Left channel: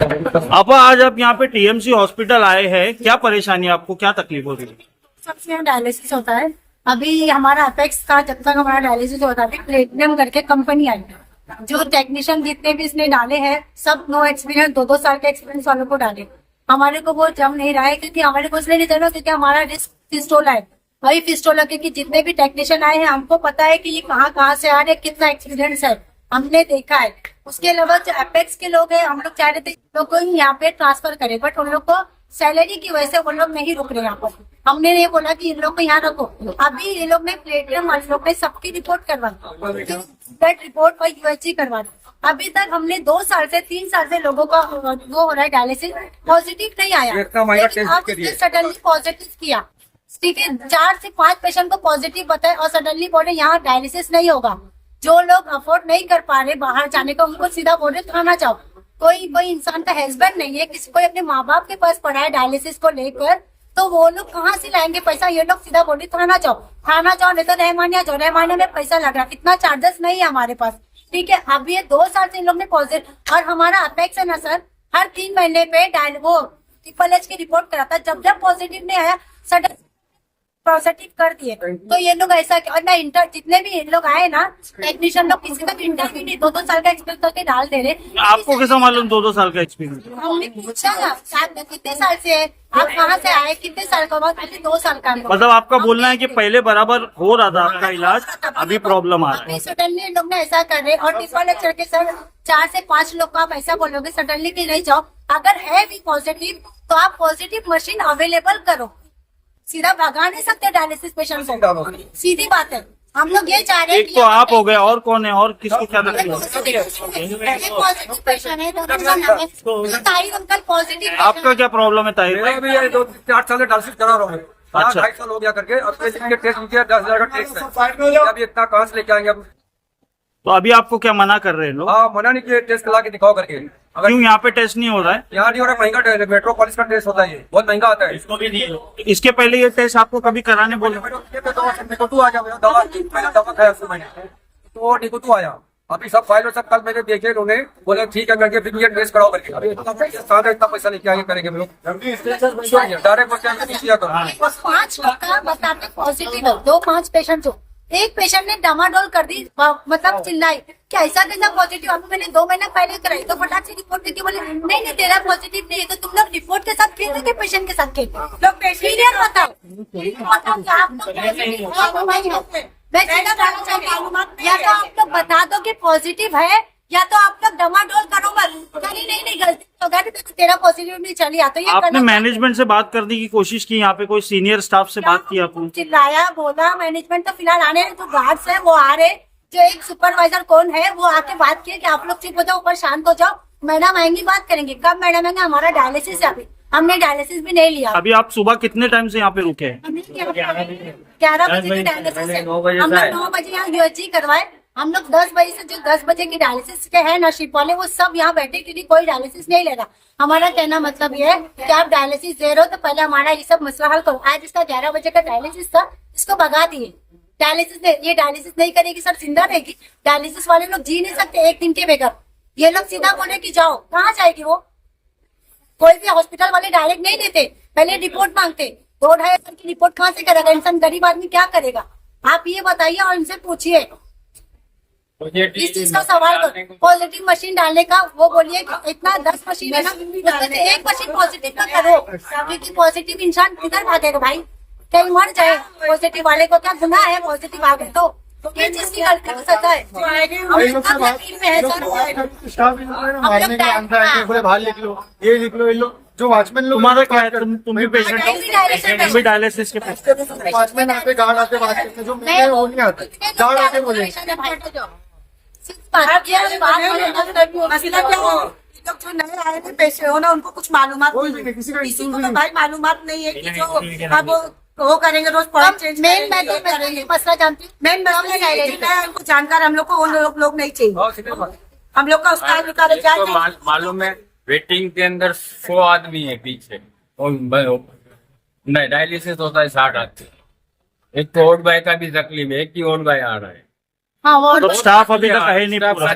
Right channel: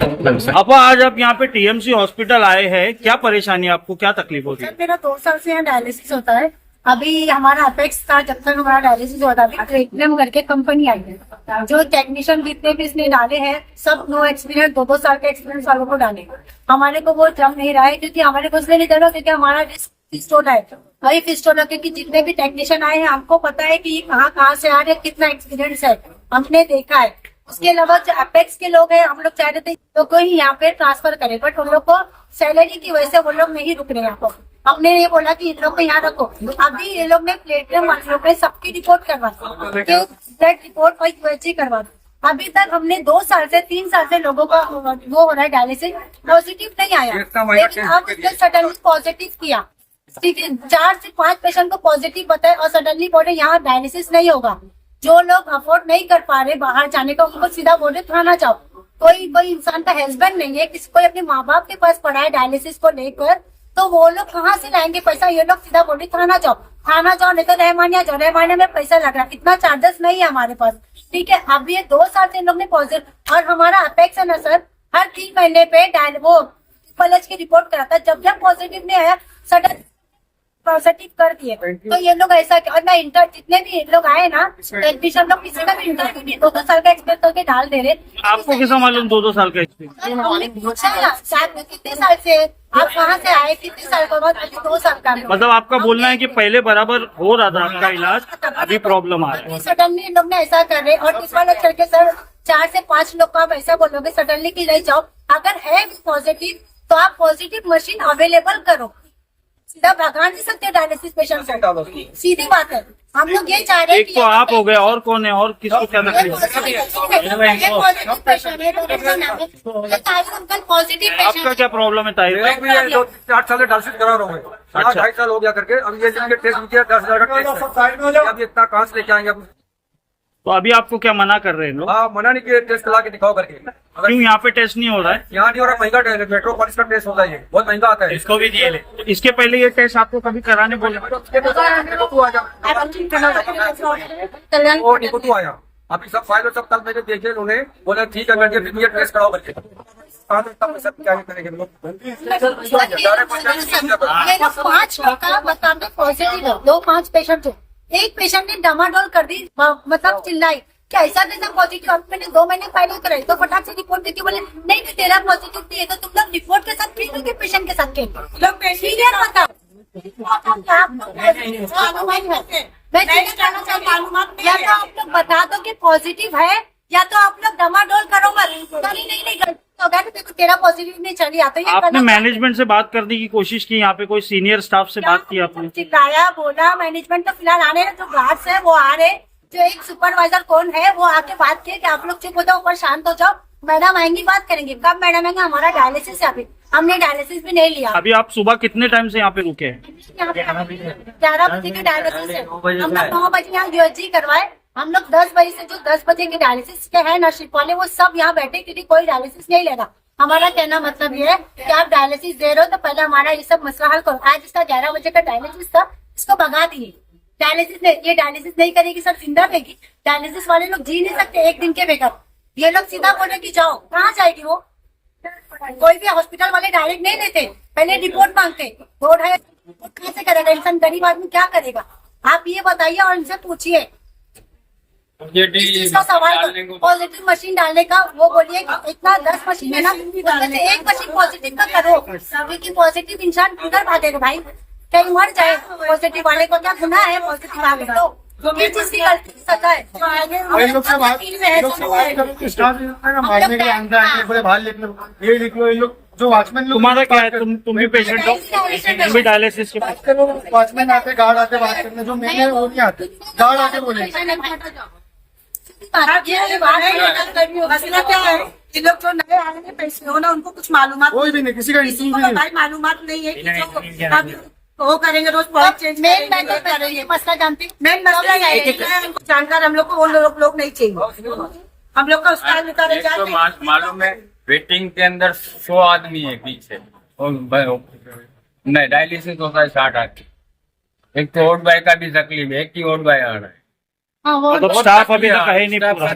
आपा आज आप यहाँ पे टीएमसी हॉस्पिटल आए हैं, क्या परेशानी है आपको, क्या तकलीफ होती है? सर मेरा 2 साल से यहाँ डायलिसिस होता है। अभी हमारा अपेक्स का जब तक हमारा डायलिसिस होता है, अभी प्लेटिनम करके कंपनी आई है। जो टेक्नीशियन जितने भी इसने डाले हैं सब नो एक्सपीरियंस, 2-2 साल के एक्सपीरियंस वालों को डाले। हमारे को वो जम नहीं रहा है क्योंकि हमारे को इसलिए नहीं चल रहा क्योंकि हमारा रिस्क फिस्टोला है। वही फिस्टोला के जितने भी टेक्नीशियन आए हैं हमको पता है कि ये कहाँ से आ रहे, कितना एक्सपीरियंस है, हमने देखा है। उसके अलावा जो अपेक्स के लोग हैं, हम लोग चाह रहे थे लोग को ही यहाँ पे ट्रांसफर करें, बट उन लोग को सैलरी की वजह से वो लोग नहीं रुक रहे यहाँ पर। हमने ये बोला कि इन लोग को यहाँ रखो। अभी ये लोग ने प्लेटिनम वाले लोग ने सबकी रिपोर्ट करवा दी, ब्लड रिपोर्ट और यूएचजी करवा दी। अभी तक हमने 2 साल से 3 साल से लोगों का वो हो रहा है डायलिसिस, पॉजिटिव नहीं आया, लेकिन अब उसने सडनली पॉजिटिव किया। ठीक है, 4 से 5 पेशेंट को पॉजिटिव बताए और सडनली बोले यहाँ डायलिसिस नहीं होगा। जो लोग अफोर्ड नहीं कर पा रहे बाहर जाने का, उनको सीधा बोले थाना जाओ। कोई इंसान का हस्बैंड नहीं है, किसी कोई अपने माँ बाप के पास पड़ा है डायलिसिस को लेकर, तो वो लोग कहाँ से लाएंगे पैसा? ये लोग सीधा बोले थाना जाओ, थाना जाओ, नहीं तो रहमानिया जाओ, रहमानिया में पैसा लग रहा है, इतना चार्जेस नहीं है हमारे पास। ठीक है, अब ये 2 साल से इन लोग ने पॉजिटिव, और हमारा अपेक्स है ना सर, हर 3 महीने पे वो ट्रिपल की रिपोर्ट कराता, जब पॉजिटिव नहीं आया सडन पॉजिटिव कर दिए। तो ये लोग ऐसा, और ना इंटर जितने भी लोग आए ना टेक्नीशियन लोग, किसी का भी इंटरव्यू नहीं, 2-2 साल का एक्सपीरियंस करके डाल दे रहे। आपको कैसा मालूम 2-2 साल का एक्सपीरियंस? हमने पूछा ना साहब कितने साल से आप कहाँ से आए, कितने साल का बाद, अभी 2 साल का। मतलब आपका बोलना है कि पहले बराबर हो रहा था आपका इलाज, अभी प्रॉब्लम आ रहा है? सडनली लोग ने ऐसा कर रहे, और ट्रिपल एच करके सर 4 से 5 लोग को आप ऐसा बोलोगे सडनली की नहीं जाओ। अगर है भी पॉजिटिव तो आप पॉजिटिव मशीन अवेलेबल करो, सीधा भगा नहीं सकते डायलिसिस पेशेंट को, सीधी बात है। हम लोग ये चाह रहे हैं एक तो आप हो गए, और कौन है, और किसको क्या तकलीफ है? पॉजिटिव पेशेंट है, ताई अंकल पॉजिटिव। आपका क्या प्रॉब्लम है ताहिर? मेरा भी 2-4 साल से डायलिसिस करा रहा हूँ। अच्छा। 2.5 साल हो गया करके, अब ये जिनके टेस्ट किया 10,000 का टेस्ट है, अब इतना कहाँ से लेके आएंगे अब? तो अभी आपको क्या मना कर रहे हैं लोग? हाँ, मना नहीं किए, टेस्ट करा के दिखाओ करके। अगर क्यों यहाँ पे टेस्ट नहीं हो रहा है? यहाँ नहीं हो रहा, महंगा टेस्ट है, मेट्रोपोलिस का टेस्ट होता है, ये बहुत महंगा आता है। इसको भी दिए ले। तो इसके पहले ये टेस्ट आपको कभी कराने बोले? निकोटू आ गया, दवा खाया उससे मैंने, वो निकोटू आया। अभी सब फाइल और सब कल मैंने देखे, उन्होंने बोला ठीक है करके फिर ये टेस्ट कराओ करके। अभी इतना पैसा लेके आगे करेंगे हम लोग, 5 लोग का बताते पॉजिटिव है, 2-5 पेशेंट हो, एक पेशेंट ने डामाडोल कर दी, मतलब चिल्लाई कि ऐसा कैसा पॉजिटिव। अभी मैंने 2 महीने पहले कराई तो फटाक से रिपोर्ट देती, बोले नहीं तेरा पॉजिटिव नहीं है। तो तुम लोग रिपोर्ट के साथ खेल के पेशेंट के साथ खेल लोग क्लियर बताओ। मैं सीधा कहना चाहती हूँ, या तो आप लोग बता दो कि पॉजिटिव है, या तो आप लोग डमाडोल करो मत। नहीं गलती हो गया, देखो तेरा पॉजिटिव नहीं चली आता। ये आपने मैनेजमेंट से बात करने की कोशिश की? यहाँ पे कोई सीनियर स्टाफ से बात की आपने? चिल्लाया, बोला, मैनेजमेंट तो फिलहाल आने रहे, जो गार्ड्स है वो आ रहे, जो एक सुपरवाइजर कौन है वो आके बात किए कि आप लोग चुप हो जाओ, ऊपर शांत हो जाओ, मैडम आएंगी बात करेंगे। कब मैडम आएंगे? हमारा डायलिसिस है, अभी हमने डायलिसिस भी नहीं लिया। अभी आप सुबह कितने टाइम से यहाँ पे रुके हैं? 11 बजे की डायलिसिस है, हम लोग 9 बजे यहाँ यूएचजी करवाए। हम लोग 10 बजे से जो 10 बजे की डायलिसिस के है नशीब वाले, वो सब यहाँ बैठे क्योंकि कोई डायलिसिस नहीं ले रहा। हमारा कहना मतलब ये है कि आप डायलिसिस दे रहे हो तो पहले हमारा ये सब मसला हल करो। आज इसका 11 बजे का डायलिसिस था, इसको भगा दिए। ये डायलिसिस नहीं करेगी सर, जिंदा रहेगी। डायलिसिस वाले लोग जी नहीं सकते एक दिन के बगैर। ये लोग सीधा बोले कि जाओ, कहाँ जाएगी वो? कोई भी हॉस्पिटल वाले डायरेक्ट नहीं देते, पहले रिपोर्ट मांगते। 2-2.5 हज़ार की रिपोर्ट कहाँ से करेगा इंसान? गरीब आदमी क्या करेगा? आप ये बताइए और इनसे पूछिए इस चीज का सवाल करो। पॉजिटिव मशीन डालने का वो बोलिए कि इतना 10 मशीन है ना, उसमें से एक मशीन पॉजिटिव का करो, क्योंकि पॉजिटिव इंसान किधर भागेगा भाई? कहीं मर जाए। पॉजिटिव वाले को क्या गुनाह है? पॉजिटिव आ गए तो किस चीज की गलती की सजा है? मारने के अंदर आएंगे, बोले बाहर लिख लो, ये लिख लो, ये लोग जो वॉचमैन लोग। तुम्हारा क्या है? तुम भी पेशेंट हो? तुम भी डायलिसिस के पास? वॉचमैन आते, गार्ड आते बात करने, जो मेरे वो नहीं आते, गार्ड आके बोले। मसला क्या है? ये लोग जो नए आए थे पेशेंट हो ना, उनको कुछ मालूमात कोई भी नहीं, किसी का किसी को भाई मालूमात नहीं है कि जो अब वो करेंगे रोज पॉइंट चेंज करेंगे। मसला जानते मेन मसला ये है, हमको जानकार हम लोग को वो लोग नहीं चाहिए। हम लोग का उसका निकाले क्या तो मालूम है, वेटिंग के अंदर 100 आदमी है पीछे, और नहीं डायलिसिस होता है 60 आदमी। एक तो ओट बाय का भी तकलीफ है, एक ही ओट बाय आ रहा है। हाँ वो मतलब स्टाफ अभी तक है नहीं पूरा।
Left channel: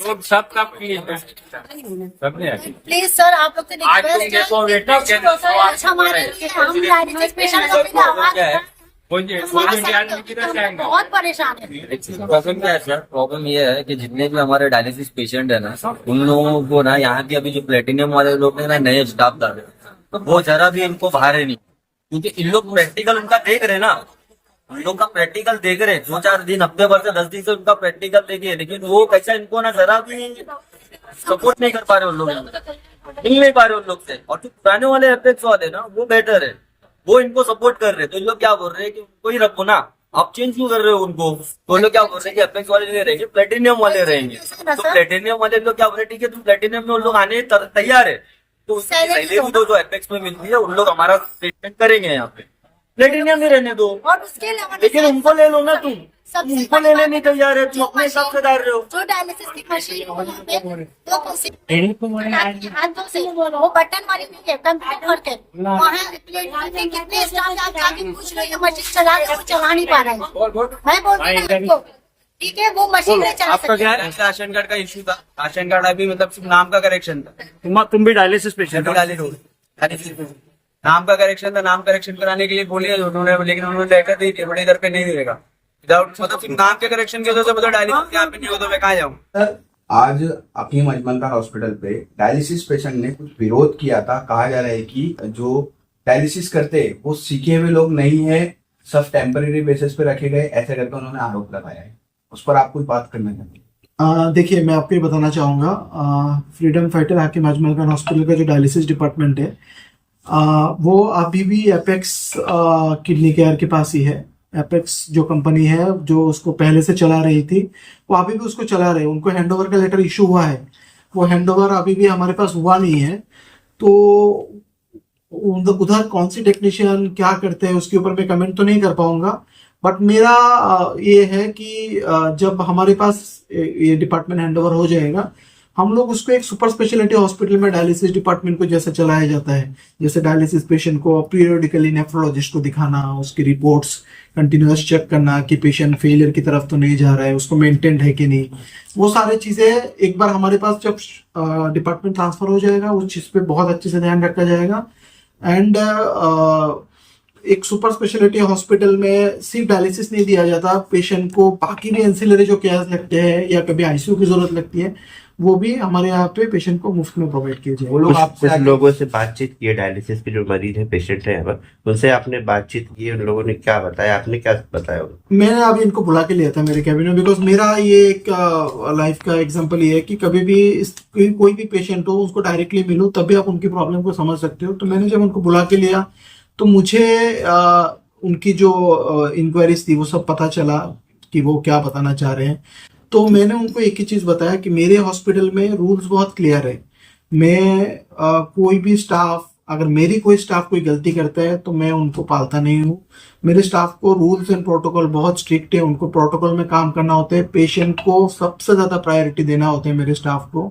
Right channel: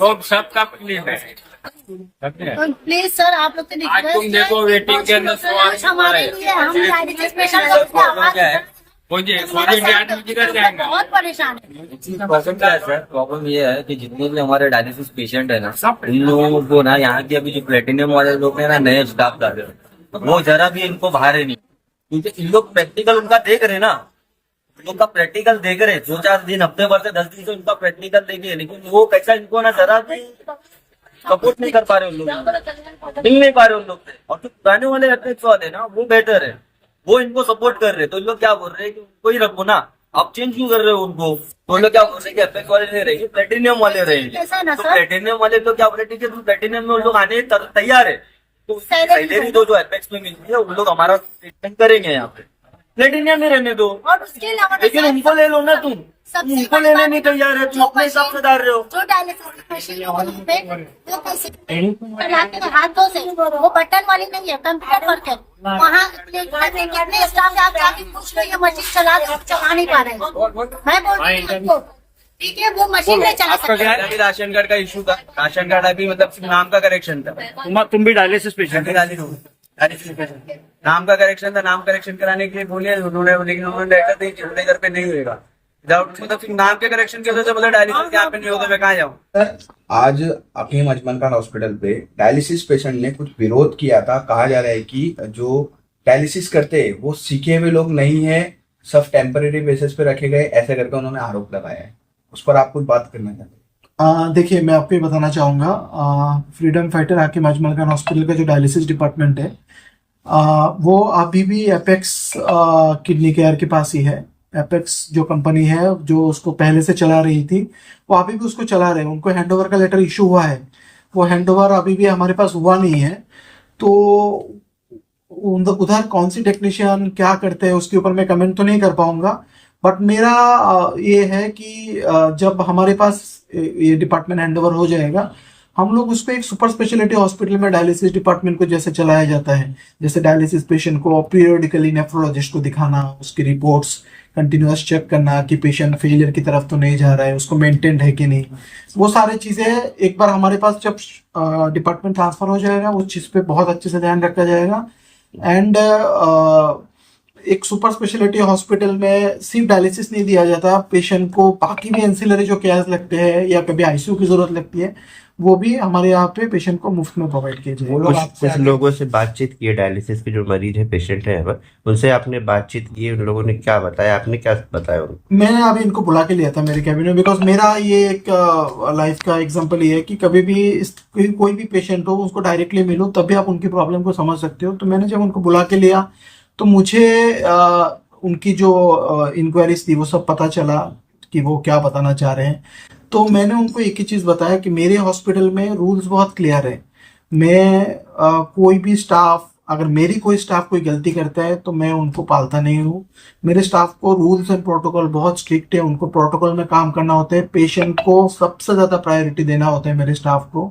लोग सब कब क्लीन है, सब नहीं है। प्लीज सर आप लोग से आज तुम देखो वेटिंग के अंदर 100 आदमी हमारे लिए हम डायलिसिस पेशेंट को भी आवाज बहुत परेशान है। एक्चुअली प्रॉब्लम क्या है सर, प्रॉब्लम ये है कि जितने भी हमारे डायलिसिस पेशेंट है ना, उन लोगों को ना यहाँ के अभी जो प्लेटिनियम वाले लोग ने ना नए स्टाफ डाले, वो जरा भी इनको बाहर है नहीं, क्योंकि इन लोग प्रैक्टिकल उनका देख रहे ना, उन लोग का प्रैक्टिकल देख रहे 2-4 दिन, हफ्ते भर से 10 दिन से उनका प्रैक्टिकल देखे, लेकिन वो कैसा इनको ना जरा भी सपोर्ट नहीं कर पा रहे उन लोग, मिल नहीं पा रहे उन लोग से। और जो पुराने वाले एपेक्स वाले ना वो बेटर है, वो इनको सपोर्ट कर रहे, तो इन लोग क्या बोल रहे हैं कि उनको ही रखो ना, आप चेंज क्यों कर रहे हो उनको? तो लोग क्या बोल रहे हैं कि एपेक्स वाले नहीं रहेंगे, प्लेटिनियम वाले रहेंगे। तो प्लेटिनियम वाले लोग क्या बोल रहे हैं, ठीक है तुम प्लेटिनियम में उन लोग आने तैयार है, तो उसकी सैलरी दो जो एपेक्स में मिलती है, उन लोग हमारा ट्रीटमेंट करेंगे यहाँ पे, प्लेटिनियम में रहने दो। और उसके अलावा लेकिन उनको ले लो ना, तुम उनको लेने नहीं तैयार है, तुम अपने हिसाब से डाल रहे हो। जो डायलिसिस की मशीन है वहाँ पे वो कैसे चलाते हैं हाथों से, वो बटन वाली नहीं है, कंप्यूटर वर्क है। वहाँ प्लेटफॉर्म में कितने स्टाफ आप जाके पूछ लो, ये मशीन चला नहीं पा रहा है। मैं बोल रही हूँ आपको, ठीक है वो मशीन नहीं चला आपका क्या है, राशन कार्ड का इशू था, राशन कार्ड अभी मतलब सिर्फ नाम का करेक्शन था। तुम भी डायलिसिस पेशेंट हो? नाम का करेक्शन था, नाम करेक्शन कराने के लिए बोलिए उन्होंने, लेकिन उन्होंने लेटर दी थी बड़े इधर पे नहीं होगा विदाउट, मतलब सिर्फ नाम के करेक्शन की वजह से मतलब डायलिसिस यहाँ पे नहीं होता, मैं कहाँ जाऊँ? सर आज अपनी अजमल खान हॉस्पिटल पे डायलिसिस पेशेंट ने कुछ विरोध किया था। कहा जा रहा है कि जो डायलिसिस करते हैं वो सीखे हुए लोग नहीं है, सब टेम्परेरी बेसिस पे रखे गए, ऐसे करके उन्होंने आरोप लगाया है। उस पर आप कुछ बात करना चाहते हैं? देखिए मैं आपको ये बताना चाहूँगा, फ्रीडम फाइटर हाकिम अजमल खान हॉस्पिटल का जो डायलिसिस डिपार्टमेंट है वो अभी भी एपेक्स किडनी केयर के पास ही है। एपेक्स जो कंपनी है जो उसको पहले से चला रही थी वो अभी भी उसको चला रहे हैं। उनको हैंडओवर का लेटर इशू हुआ है, वो हैंडओवर अभी भी हमारे पास हुआ नहीं है। तो उधर कौन सी टेक्नीशियन क्या करते हैं उसके ऊपर मैं कमेंट तो नहीं कर पाऊंगा, बट मेरा ये है कि जब हमारे पास ये डिपार्टमेंट हैंडओवर हो जाएगा, हम लोग उसको एक सुपर स्पेशलिटी हॉस्पिटल में डायलिसिस डिपार्टमेंट को जैसे चलाया जाता है, जैसे डायलिसिस पेशेंट को पीरियडिकली नेफ्रोलॉजिस्ट को दिखाना, उसकी रिपोर्ट्स कंटिन्यूअस चेक करना कि पेशेंट फेलियर की तरफ तो नहीं जा रहा है, उसको मेंटेन्ड है कि नहीं, वो सारी चीज़ें एक बार हमारे पास जब डिपार्टमेंट ट्रांसफर हो जाएगा उस चीज़ पे बहुत अच्छे से ध्यान रखा जाएगा। एंड एक सुपर स्पेशलिटी हॉस्पिटल में सिर्फ डायलिसिस नहीं दिया जाता, पेशेंट को बाकी भी एंसिलरी जो केयर्स लगते हैं या कभी आईसीयू की जरूरत लगती है वो भी हमारे यहाँ पे पेशेंट को मुफ्त में प्रोवाइड किए जाए। कुछ लोगों से बातचीत की है, डायलिसिस के जो मरीज है, पेशेंट है, उनसे आपने बातचीत की, उन लोगों ने क्या बताया, आपने क्या बताया उनको? मैंने अभी इनको बुला के लिया था मेरे कैबिन में, बिकॉज मेरा ये एक लाइफ का एग्जांपल ये है कि कभी भी कोई भी पेशेंट हो उसको डायरेक्टली मिलो तभी आप उनकी प्रॉब्लम को समझ सकते हो। तो मैंने जब उनको बुला के लिया तो मुझे उनकी जो इंक्वायरीज थी वो सब पता चला कि वो क्या बताना चाह रहे हैं। तो मैंने उनको एक ही चीज़ बताया कि मेरे हॉस्पिटल में रूल्स बहुत क्लियर है। मैं कोई भी स्टाफ, अगर मेरी कोई स्टाफ कोई गलती करता है तो मैं उनको पालता नहीं हूँ। मेरे स्टाफ को रूल्स एंड प्रोटोकॉल बहुत स्ट्रिक्ट है, उनको प्रोटोकॉल में काम करना होता है, पेशेंट को सबसे ज़्यादा प्रायोरिटी देना होता है मेरे स्टाफ को।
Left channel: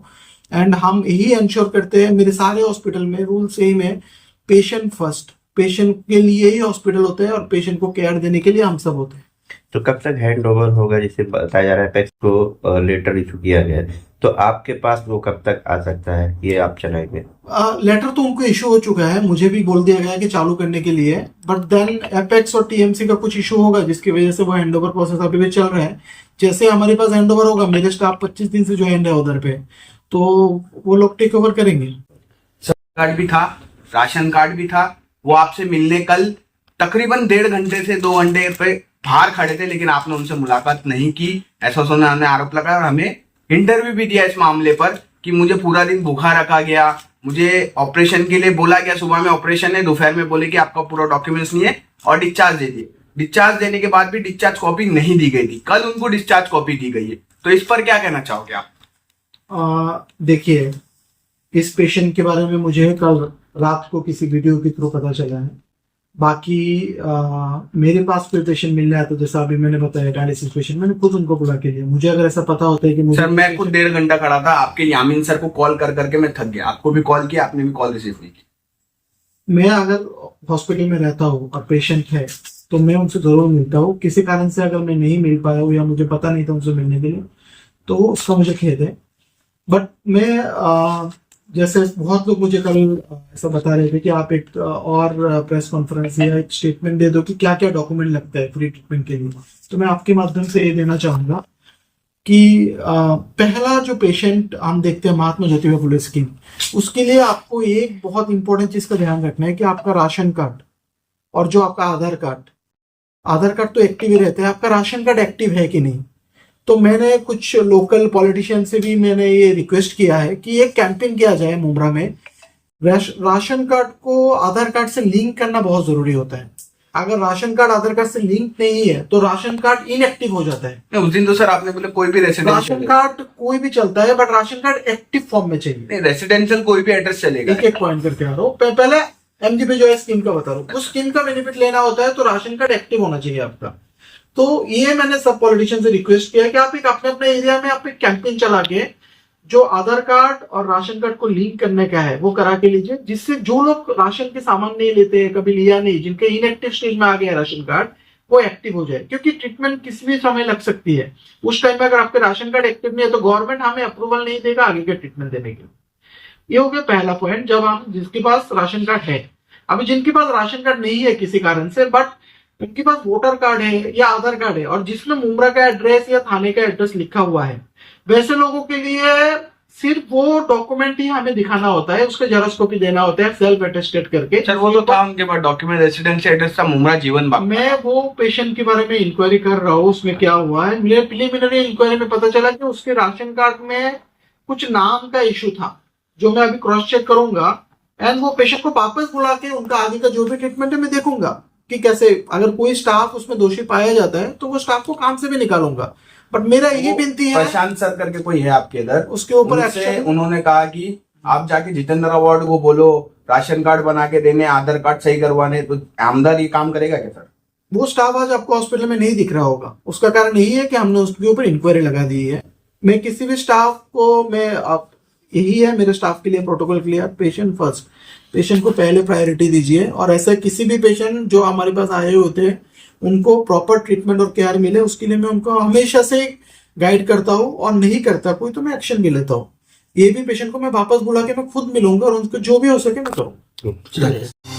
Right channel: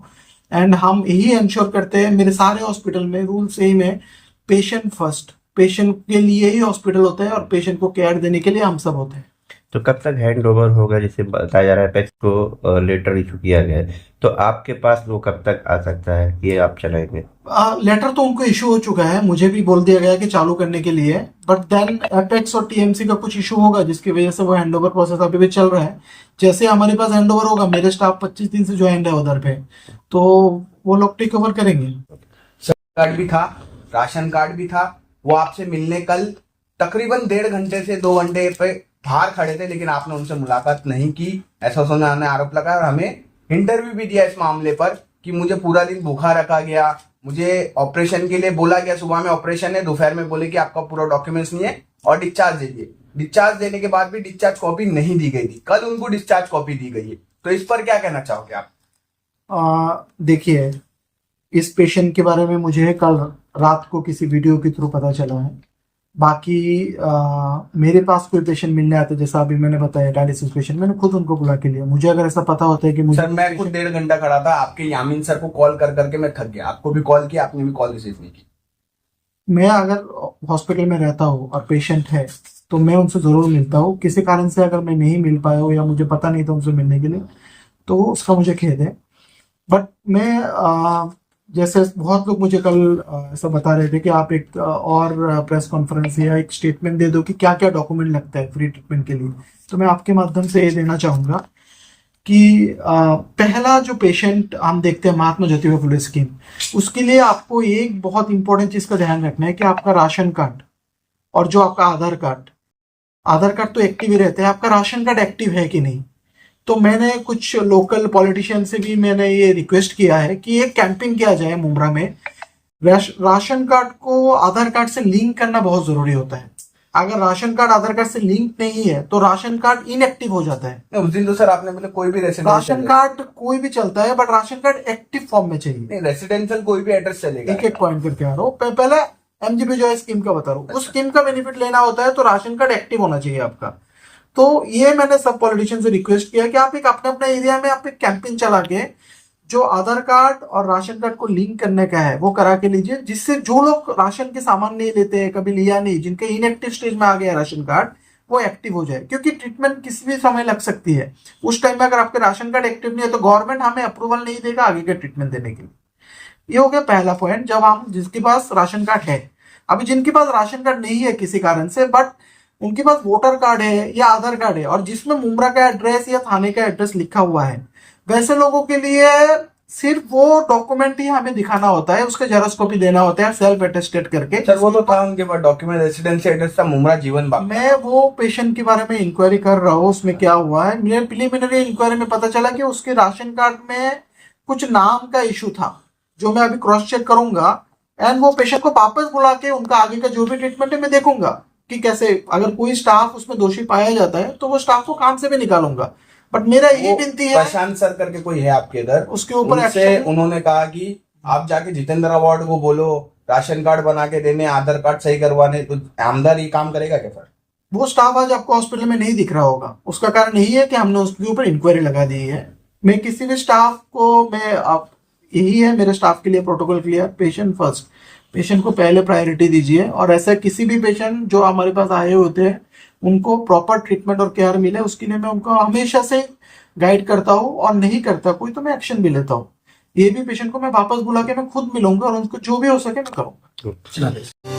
एंड हम यही इंश्योर करते हैं, मेरे सारे हॉस्पिटल में रूल सेम है, पेशेंट फर्स्ट, पेशेंट के लिए ही हॉस्पिटल होता है और पेशेंट को केयर देने के लिए हम सब होते हैं। तो कब तक हैंड ओवर होगा? जैसे बताया जा रहा है एपेक्स को लेटर इशू किया गया है, तो आपके पास वो कब तक आ सकता है, ये आप चलाएंगे? लेटर तो उनको इशू हो चुका है, मुझे भी बोल दिया गया कि चालू करने के लिए, बट देन एपेक्स और टीएमसी का कुछ इशू होगा जिसकी वजह से वो हैंडओवर प्रोसेस अभी भी चल रहा है। जैसे हमारे पास हैंडओवर होगा, मेरे स्टाफ 25 दिन से ज्वाइंट है उधर पे, तो वो लोग टेक ओवर करेंगे। कार्ड भी था, राशन कार्ड भी था, वो आपसे मिलने कल तकरीबन 1.5 घंटे से 2 घंटे पे बाहर खड़े थे, लेकिन आपने उनसे मुलाकात नहीं की, ऐसा उन्होंने आरोप लगाया। और हमें इंटरव्यू भी दिया इस मामले पर कि मुझे पूरा दिन भूखा रखा गया, मुझे ऑपरेशन के लिए बोला गया, सुबह में ऑपरेशन है, दोपहर में बोले कि आपका पूरा डॉक्यूमेंट्स नहीं है और डिस्चार्ज दे दिए। डिस्चार्ज देने के बाद भी डिस्चार्ज कॉपी नहीं दी गई थी, कल उनको डिस्चार्ज कॉपी दी गई है। तो इस पर क्या कहना चाहोगे आप? देखिए, इस पेशेंट के बारे में मुझे कल रात को किसी वीडियो के थ्रू पता चला है। बाकी मेरे पास कोई पेशेंट मिलने आते, जैसा अभी मैंने बताया डायलिसिस पेशेंट, मैंने खुद उनको बुला के लिया। मुझे अगर ऐसा पता होता है कि मुझे, सर मैं खुद 1.5 घंटा खड़ा था, आपके यामीन सर को कॉल कर करके मैं थक गया, आपको भी कॉल किया, आपने भी कॉल रिसीव नहीं की। मैं अगर हॉस्पिटल में रहता हूँ और पेशेंट है तो मैं उनसे ज़रूर मिलता हूँ। किसी कारण से अगर मैं नहीं मिल पाया हूँ या मुझे पता नहीं था उनसे मिलने के लिए, तो उसका मुझे खेद है। बट मैं जैसे बहुत लोग मुझे कल ऐसा बता रहे थे कि आप एक और प्रेस कॉन्फ्रेंस या एक स्टेटमेंट दे दो कि क्या क्या डॉक्यूमेंट लगता है फ्री ट्रीटमेंट के लिए। तो मैं आपके माध्यम से ये देना चाहूँगा कि पहला जो पेशेंट हम देखते हैं महात्मा ज्योतिबा फुले स्कीम, उसके लिए आपको एक बहुत इंपॉर्टेंट चीज़ का ध्यान रखना है कि आपका राशन कार्ड और जो आपका आधार कार्ड तो एक्टिव ही रहते हैं, आपका राशन कार्ड एक्टिव है कि नहीं। तो मैंने कुछ लोकल पॉलिटिशियन से भी मैंने ये रिक्वेस्ट किया है कि एक कैंपेन किया जाए मुंब्रा में। राशन कार्ड को आधार कार्ड से लिंक करना बहुत ज़रूरी होता है। अगर राशन कार्ड आधार कार्ड से लिंक नहीं है तो राशन कार्ड इनएक्टिव हो जाता है। उस दिन तो सर आपने बोले कोई भी राशन कार्ड कोई भी चलता है, but ration card active form में चाहिए। रेसिडेंशियल कोई भी एड्रेस चलेगा। एक एक पॉइंट करके आ रहा हूँ। पहले एमजीपी जो है स्कीम का बता रहा हूँ, उस स्कीम का बेनिफिट लेना होता है तो राशन कार्ड एक्टिव होना चाहिए आपका। तो ये मैंने सब पॉलिटिशियन से रिक्वेस्ट किया कि आप एक अपने अपने एरिया में आप एक कैंपेन चला के जो आधार कार्ड और राशन कार्ड को लिंक करने का है वो करा के लीजिए, जिससे जो लोग राशन के सामान नहीं लेते हैं, कभी लिया नहीं, जिनके इनएक्टिव स्टेज में आ गया राशन कार्ड, वो एक्टिव हो जाए। क्योंकि ट्रीटमेंट किसी भी समय लग सकती है। उस टाइम में अगर आपके राशन कार्ड एक्टिव नहीं है तो गवर्नमेंट हमें अप्रूवल नहीं देगा आगे के ट्रीटमेंट देने के लिए। ये हो गया पहला पॉइंट। जब हम जिसके पास राशन कार्ड है, अभी जिनके पास राशन कार्ड नहीं है किसी कारण से, बट उनके पास वोटर कार्ड है या आधार कार्ड है और जिसमें मुंब्रा का एड्रेस या थाने का एड्रेस लिखा हुआ है, वैसे लोगों के लिए सिर्फ वो डॉक्यूमेंट ही हमें दिखाना होता है, उसके जेरॉक्स कॉपी देना होता है सेल्फ अटेस्टेड करके। सर वो तो था उनके पास डॉक्यूमेंट, रेसिडेंशियल एड्रेस था मुंब्रा जीवन बाग। मैं वो पेशेंट के बारे में इंक्वायरी कर रहा हूँ, उसमें क्या हुआ है। मेरे प्रिलिमिनरी इंक्वायरी में पता चला कि उसके राशन कार्ड में कुछ नाम का इशू था, जो मैं अभी क्रॉस चेक करूंगा एंड वो पेशेंट को वापस बुला के उनका आगे का जो भी ट्रीटमेंट है मैं देखूंगा कि कैसे, अगर कोई स्टाफ उसमें दोषी पाया जाता है तो वो स्टाफ को काम से भी निकालूंगा। बट मेरा यही विनती है, प्रशांत सर करके कोई है आपके इधर, उसके ऊपर उनसे एक्शन। उन्होंने कहा कि आप जाके जितेंद्र अवार्ड को बोलो राशन कार्ड बना के देने, आधार कार्ड सही करवाने, तो आमदार ये काम करेगा क्या सर? वो स्टाफ आज आपको हॉस्पिटल में नहीं दिख रहा होगा। उसका कारण यही है कि हमने उसके ऊपर इंक्वायरी लगा दी है। मैं किसी भी स्टाफ को यही है मेरे स्टाफ के लिए protocol clear, patient first, patient को पहले प्रायोरिटी दीजिए। और ऐसा किसी भी पेशेंट जो हमारे पास आए होते हैं उनको प्रॉपर ट्रीटमेंट और केयर मिले, उसके लिए मैं उनको हमेशा से गाइड करता हूँ, और नहीं करता कोई तो मैं एक्शन भी लेता हूँ। ये भी पेशेंट को मैं वापस बुला के मैं खुद मिलूंगा और उनको जो भी हो सके मैं करूंगा।